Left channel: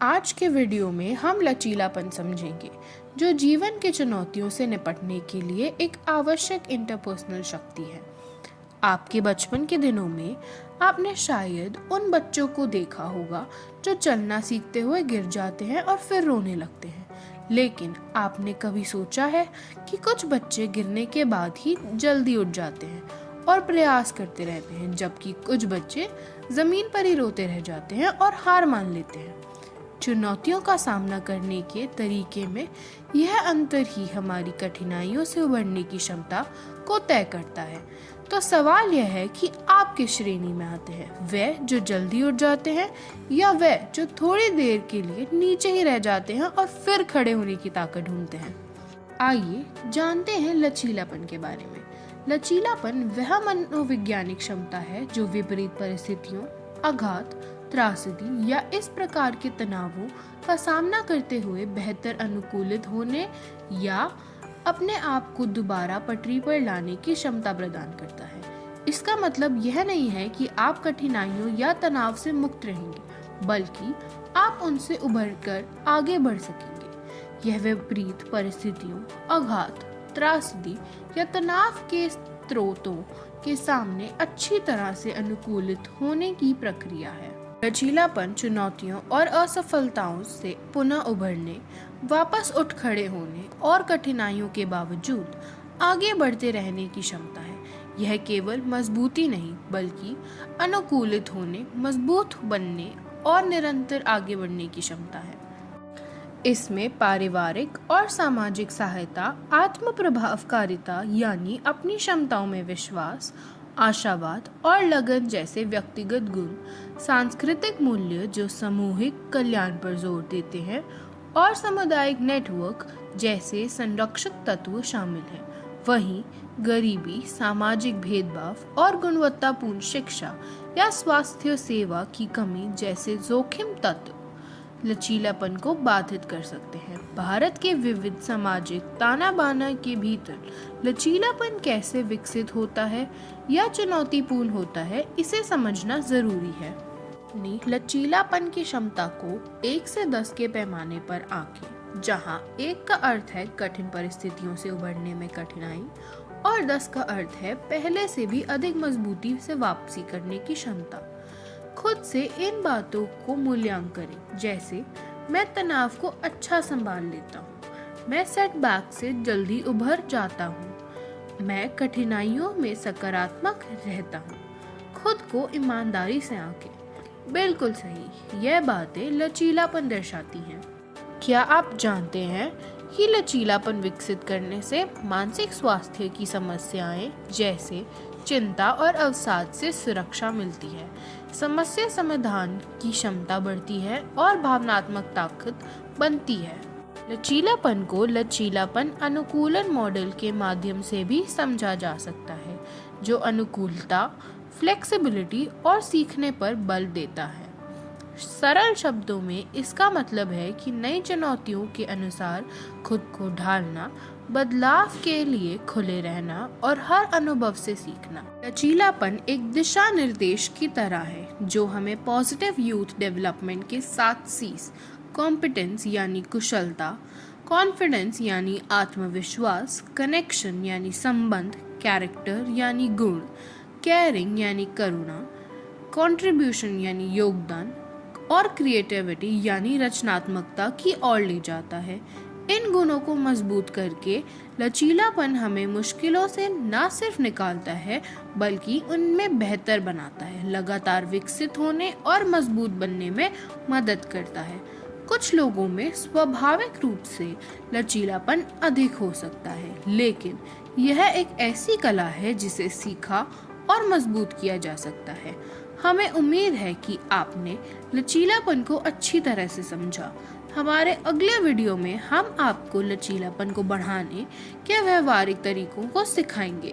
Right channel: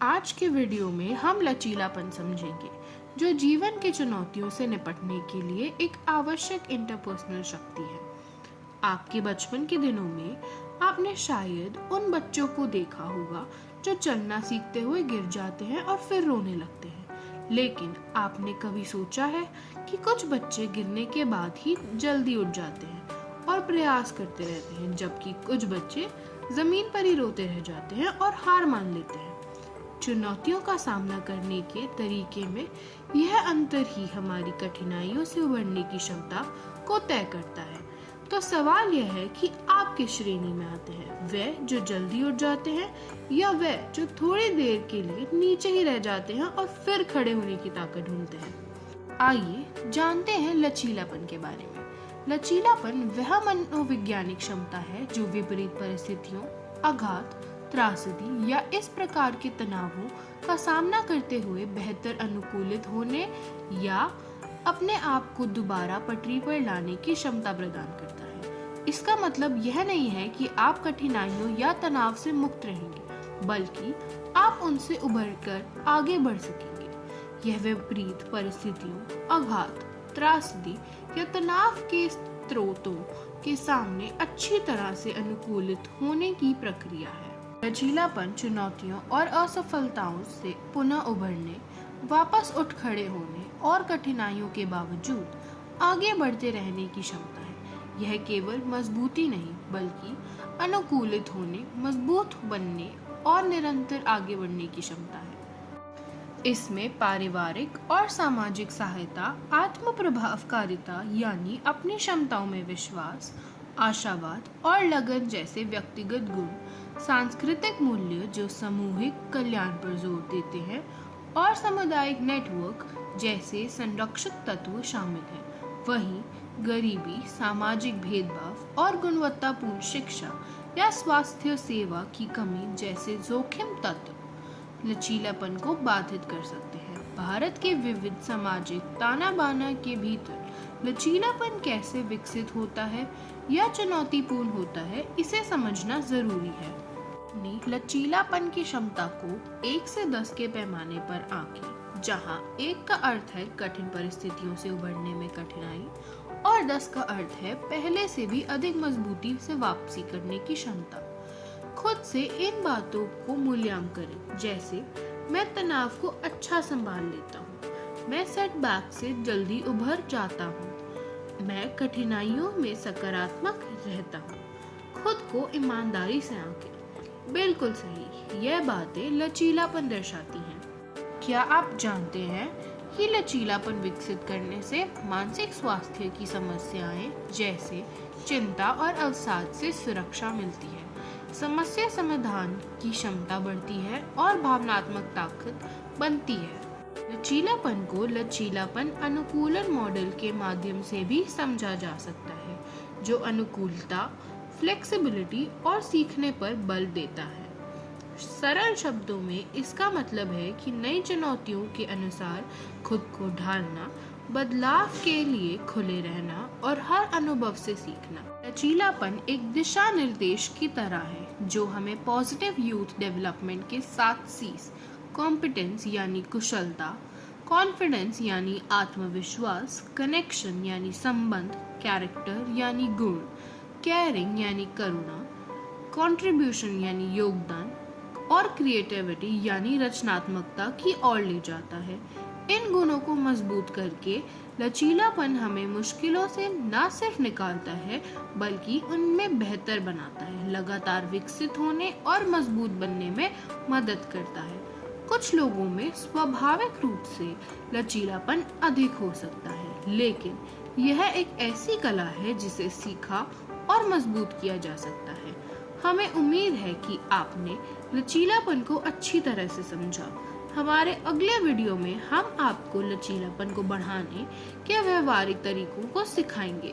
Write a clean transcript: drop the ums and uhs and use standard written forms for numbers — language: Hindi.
आज के वीडियो में हम लचीलापन समझेंगे, जो जीवन की चुनौतियों से निपटने के लिए एक आवश्यक इंटरपर्सनल शक्ति है। आपके बचपन के दिनों में आपने शायद उन बच्चों को देखा होगा जो चलना सीखते हुए गिर जाते हैं और फिर रोने लगते हैं। लेकिन आपने कभी सोचा है कि कुछ बच्चे गिरने के बाद ही जल्दी उठ जाते हैं और प्रयास करते रहते हैं, जबकि कुछ बच्चे जमीन पर ही रोते रह जाते हैं और हार मान लेते हैं। चुनौतियों का सामना करने के तरीके में यह अंतर ही हमारी कठिनाइयों से उबरने की क्षमता को तय करता है। तो सवाल यह है कि आप किस श्रेणी में आते हैं, वे जो जल्दी उठ जाते हैं या वे जो थोड़ी देर के लिए नीचे ही रह जाते हैं और फिर खड़े होने की ताकत ढूंढते हैं। आइए जानते हैं लचीलापन के बारे में। लचीलापन वह मनोवैज्ञानिक क्षमता है जो विपरीत परिस्थितियों, आघात, त्रासदी या इस प्रकार के तनावों का सामना करते हुए बेहतर अनुकूलित होने या अपने आप को दोबारा पटरी पर लाने की क्षमता प्रदान करता है। इसका मतलब यह नहीं है कि आप कठिनाइयों या तनाव से मुक्त रहेंगे, बल्कि आप उनसे उभरकर आगे बढ़ सकेंगे। यह विपरीत परिस्थितियों, आघात, त्रासदी या तनाव के स्रोतों के सामने अच्छी तरह से अनुकूलित होने की प्रक्रिया है। लचीलापन चुनौतियों और असफलताओं से पुनः उभरने, वापस उठ खड़े होने और कठिनाइयों के बावजूद आगे बढ़ते रहने की क्षमता है। यह केवल मजबूती नहीं, बल्कि अनुकूलित होने, मजबूत बनने और निरंतर आगे बढ़ने की क्षमता है। इसमें पारिवारिक और सामाजिक सहायता, आत्म प्रभावकारिता यानी अपनी क्षमताओं में विश्वास, आशावाद और लगन जैसे व्यक्तिगत गुण, सांस्कृतिक मूल्य जो सामूहिक कल्याण पर जोर देते हैं और सामुदायिक नेटवर्क जैसे संरक्षक तत्व शामिल हैं। वहीं गरीबी, सामाजिक भेदभाव और गुणवत्तापूर्ण शिक्षा या स्वास्थ्य सेवा की कमी जैसे जोखिम तत्व लचीलापन को बाधित कर सकते हैं। भारत के विविध सामाजिक ताना बाना के भीतर लचीलापन कैसे विकसित होता है या चुनौतीपूर्ण होता है, इसे समझना जरूरी है। लचीलापन की क्षमता को 1 से 10 के पैमाने पर आंकें, जहां 1 का अर्थ है कठिन परिस्थितियों से उभरने में कठिनाई और 10 का अर्थ है पहले से भी अधिक मजबूती से वापसी करने की क्षमता। खुद से इन बातों को मूल्यांकन करें, जैसे मैं तनाव को अच्छा संभाल लेता हूँ, मैं सेटबैक से जल्दी उभर जाता हूँ, मैं कठिनाइयों में सकारात्मक रहता हूँ। खुद को ईमानदारी से आंकें। बिल्कुल सही, यह बातें लचीलापन दर्शाती हैं। क्या आप जानते हैं कि लचीलापन विकसित करने से मानसिक स्वास्थ्य की समस्याएं जैसे चिंता और अवसाद से सुरक्षा मिलती है, समस्या समाधान की क्षमता बढ़ती है और भावनात्मक ताकत बनती है। लचीलापन को लचीलापन अनुकूलन मॉडल के माध्यम से भी समझा जा सकता है, जो अनुकूलता, फ्लेक्सिबिलिटी और सीखने पर बल देता है। सरल शब्दों में इसका मतलब है कि नई चुनौतियों के अनुसार खुद को ढालना, बदलाव के लिए खुले रहना और हर अनुभव से सीखना। लचीलापन एक दिशा निर्देश की तरह है जो हमें पॉजिटिव यूथ डेवलपमेंट के 7 C's, कॉम्पिटेंस यानी कुशलता, कॉन्फिडेंस यानी आत्मविश्वास, कनेक्शन यानी संबंध, कैरेक्टर यानी गुण, केयरिंग यानी करुणा, कंट्रीब्यूशन यानी योगदान और क्रिएटिविटी यानी रचनात्मकता की ओर ले जाता है। इन गुणों को मजबूत करके लचीलापन हमें मुश्किलों से न सिर्फ निकालता है, बल्कि उनमें बेहतर बनाता है, लगातार विकसित होने और मजबूत बनने में मदद करता है। कुछ लोगों में स्वाभाविक रूप से लचीलापन अधिक हो सकता है, लेकिन यह एक ऐसी कला है जिसे सीखा और मजबूत किया जा सकता है। हमें उम्मीद है कि आपने लचीलापन को अच्छी तरह से समझा। हमारे अगले वीडियो में हम आपको लचीलापन को बढ़ाने के व्यवहारिक तरीकों को सिखाएंगे।